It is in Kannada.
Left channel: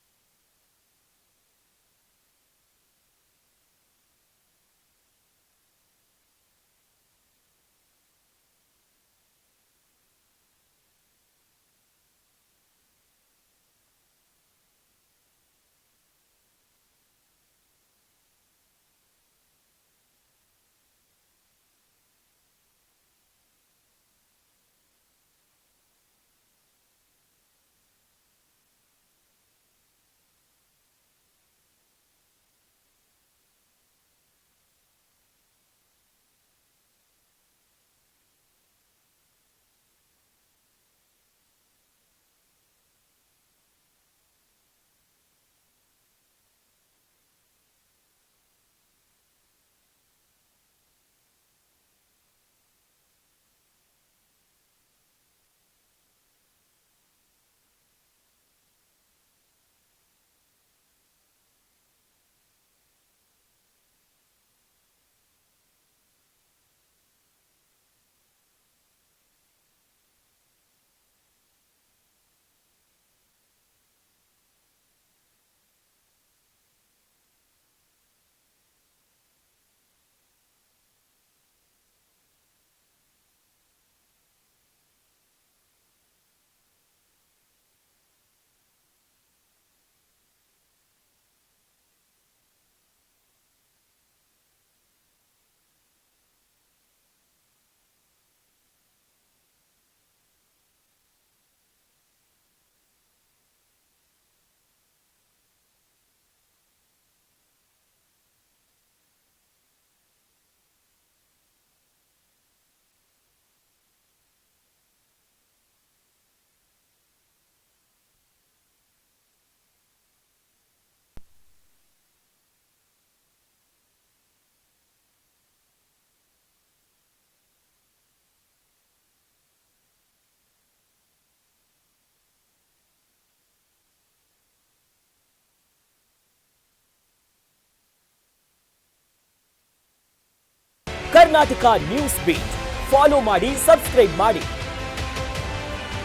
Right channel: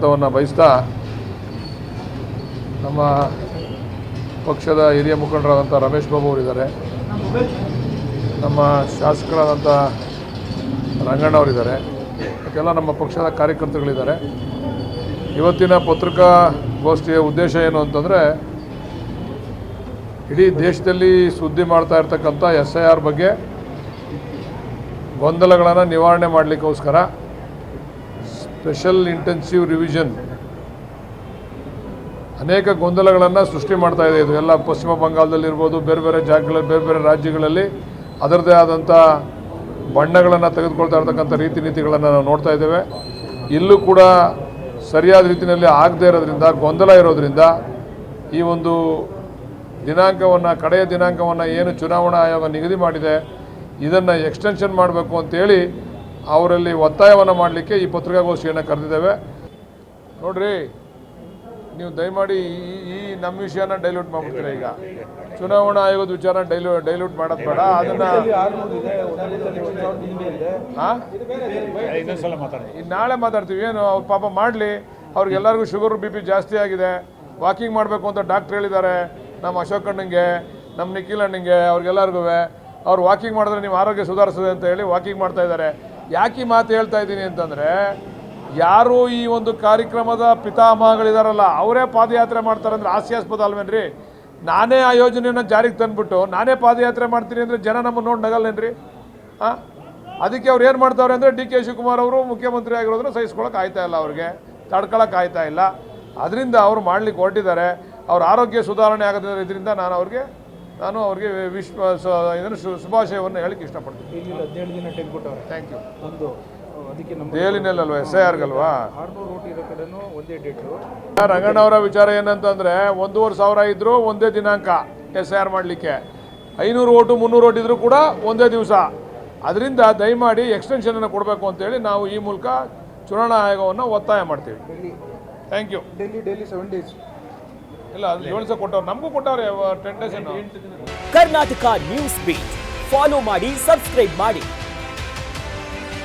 ಬಯಸ್ತಾ ನಮ್ಮ ಪಕ್ಷದ ಹಿರಿಯ ಮುಖಂಡರಾದಂಥ ರಮೇಶ್ ಬಾಬು ಅವರಿದ್ದಾರೆ, ನಮ್ಮ ಶಾಸಕರಾದಂಥ ರಂಗಣ್ಣ ಅವರಿದ್ದಾರೆ, ಮತ್ತೆಲ್ಲ ನಮ್ಮ ಪಕ್ಷದ ಕಾರ್ಯಕರ್ತರುಗಳಿದ್ದಾರೆ. ಇವತ್ತಿನ ಪತ್ರಿಕಾಗೋಷ್ಠಿಯ ಉದ್ದೇಶ ಏನು ಅಂತಂದರೆ, ಇಡೀ ದೇಶದಲ್ಲಿ ಸುದ್ದಿ ಮಾಡ್ತಾ ಇರ್ತಕ್ಕಂಥ SIR ಬಗ್ಗೆ ಗೊಂದಲಗಳನ್ನು ನಿವಾರಣೆ ಮಾಡಲಿಕ್ಕೋಸ್ಕರ ಸ್ಪೆಷಲ್ ಇಂಟೆನ್ಸಿವ್ ರಿವಿಷನ್ ಅನೇಕ ಗೊಂದಲಗಳನ್ನು ಸೃಷ್ಟಿ ಮಾಡ್ತಾ ಇದೆ. ಇದು ಎಲ್ಲ ಪಶ್ಚಿಮ ಬಂಗಾಳದಲ್ಲಿರ್ಬೋದು, ಬೇರೆ ಬೇರೆ ಜಾಗಗಳಲ್ಲಿ, ಬೇರೆ ಬೇರೆ ರಾಜ್ಯಗಳಲ್ಲಿ ಅದರದ್ದೇ ಆದಂಥ ಬಣ್ಣಗಳನ್ನು ತೆಗೆದುಕೊಳ್ತಾ ಇರ್ತಕ್ಕಂಥ ರೀತಿ ನೀತಿಗಳನ್ನು ನಾವು ನೋಡ್ತಾ ಇದ್ದೇವೆ. ಇಲ್ಲೂ ಕೂಡ ಸರಿಯಾದ ರೀತಿಯಲ್ಲಿ ಆಗದೇ ಇರೋದ್ರಿಂದ, ಗೊಂದಲ ಇರೋದ್ರಿಂದ ಈ ಒಂದು ದಿನಾಂಕವನ್ನು, ಕಡೆಯ ದಿನಾಂಕವನ್ನು ಏನು ಚುನಾವಣಾ ಆಯೋಗ ನಿಗದಿ ಮಾಡಿದೆ ಇದನ್ನು ಎಕ್ಸ್ಟೆನ್ಷನ್ ಮಾಡಬೇಕು ಅಂತೇಳಿ ಅವರಲ್ಲಿ ಒತ್ತಾಯವನ್ನು ಮಾಡಲಿಕ್ಕೆ ಈ ಪತ್ರಿಕಾಗೋಷ್ಠಿಯನ್ನು ಕರೆದಿದ್ದೇವೆ. ನೋಡ್ರಿ, ನೀವು ದಯಮಾಡಿ ಈ ನಮ್ಮ ವಿಷಯನ ಡೈಲ್ಯೂಟ್ ಮಾಡಿಬಿಡ್ತೀರಾ. ಈಗ ಚುನಾವಣಾ ಆಯೋಗದ ವಿಚಾರ ಡೈಲ್ಯೂಟ್ ಮಾಡೋದು ಬೇಡ. ಅದನ್ನು ನಾಳೆ ಮಾತಾಡ್ತೀವಿ. ಏನು ಅವ್ರು ಪಾಪ ಮಾಡಲಿ, ಅವ್ರಿಗೆಲ್ಲರಿಗೂ ಶುಗರ್ BP ಜಾಸ್ತಿ ಆಗಿದೆ, ವಾಕಿಂಗ್ ಮಾಡಬೇಕು ಅಂತ ಡಾಕ್ಟ್ರ್ ಹೇಳಿದ್ದಾರೆ. ನಮ್ಮ ಅಶೋಕ್ ಅಣ್ಣಂಗೆ, ನಮ್ಮ ನಿಖಿಲ್ ಅಣ್ಣಂಗೆ, ಅವ್ರಿಗೆಲ್ಲರಿಗೂ ಅವ್ರು ವಾಕಿಂಗ್ ಮಾಡಿದ್ರೆ ನೀವು ಆರೋಗ್ಯ ಸುಧಾರಿಸ್ತದೆ ಅಂತ ಹೇಳಿ ವಾಕಿಂಗ್ ಮಾಡ್ತಾ ಇದ್ದಾರೆ. ಯಾಕೆ ಈ ಮಾತು ಹೇಳ್ತಾ ಇದ್ದೀನಿ ಅಂತಂದರೆ, ಯಾರು ಈ ಒಂದು ಕಾರ್ಯಕ್ರಮದ ಪಿತಾಮಹಗಳಿದಾರಲ್ಲ ಅವರೇ ಪಾದಯಾತ್ರೆ ಮಾಡ್ತಾರೆ ಅಂದರೆ ಹಾಸ್ಯಾಸ್ಪದ ಅಲ್ವೇನ್ರಿ? ನಾನೇ ಆ ಯೋಜನೆಯನ್ನು ಜಾರಿಗೆ ತಂದುಬಿಟ್ಟು ನಾನೇ ಪಾದಯಾತ್ರೆ ಮಾಡ್ತೀನಿ ಅಂದರೆ ಜನ ನಮ್ಮನ್ನು ನೋಡಿ ನಗಲ್ಲೇನ್ರಿ? ಅದಕ್ಕೆ ಅವ್ರು ಏನು ಮಾಡ್ತಾವ್ರೆ ಅಂದರೆ, DK ಶಿವಕುಮಾರ್ ಅವರು ಮುಖ್ಯಮಂತ್ರಿ ಆಗಿರೋದ್ರೆ ಸಹಿಸ್ಕೊಳ್ಳೋಕೆ ಆಯ್ತಾ ಇಲ್ಲ, ಅವ್ರಿಗೆ ತಡ್ಕೊಳ್ಳೋಕೆ ಆಯ್ತಾ ಇಲ್ಲ. ಅದರಿಂದ ಅವರು ಮಾಡಲಿಕ್ಕೆ ಹೊರಟಿದ್ದಾರೆ. ಅವ್ರ ಆರೋಗ್ಯ ಸುಧಾರಣೆ ಆಗೋದ್ರಿಂದ ಇದರಿಂದ ನಾನು ಅವ್ರಿಗೆ ಇದನ್ನು ಶುಭಾಶಯವನ್ನು ಹೇಳಕ್ಕೆ ಇಷ್ಟಪಡ್ತೀನಿ. 17 ದಿನ ಟೈಮ್ ಕೊಟ್ಟವ್ರೆ. Thank you. ಅದಕ್ಕೆ ದೆಹಲಿನಲ್ಲಲ್ವ SIRಗಲ್ವಾ? 600 ಓಟ್ ಇರೋ ಕಡೆನೂ ಒಂದೇ ಡೇಟು. ರಂಗಣ್ಣ ಅವರ ವಿಚಾರ ಏನಂತಂದರೆ, 1,500 ಇದ್ದರೂ ಒಂದೇ ದಿನಾಂಕ SIR ಮಾಡಲಿಕ್ಕೆ, 500 ಓಟು 300 ಓಟ್ ಇದ್ರೂ ಕೂಡ ಒಂದೇ ದಿವಸ. ಅದರಿಂದ ದಯಮಾಡಿ ಎಕ್ಸ್ಟೆನ್ಷನನ್ನು ಕೊಡಬೇಕು ಅಂತೇಳಿ ನಾವು ಈ ಮೂಲಕ ಚುನಾವಣಾ ಆಯೋಗವನ್ನು ಒತ್ತಾಯ ಮಾಡ್ತೀವಿ. Thank you. ಡೆಲ್ಲಿ 7 ಡೇಸ್ ಇಲ್ಲ, ಅದು 7 ದಿವಸ ಕೊಟ್ಟವ್ರು, ನಮಗೂ ಕೊಟ್ಟವ್ರೆ 10 days. Karnataka news beat follow ಮಾಡಿ, ಸಬ್ಸ್ಕ್ರೈಬ್ ಮಾಡಿ.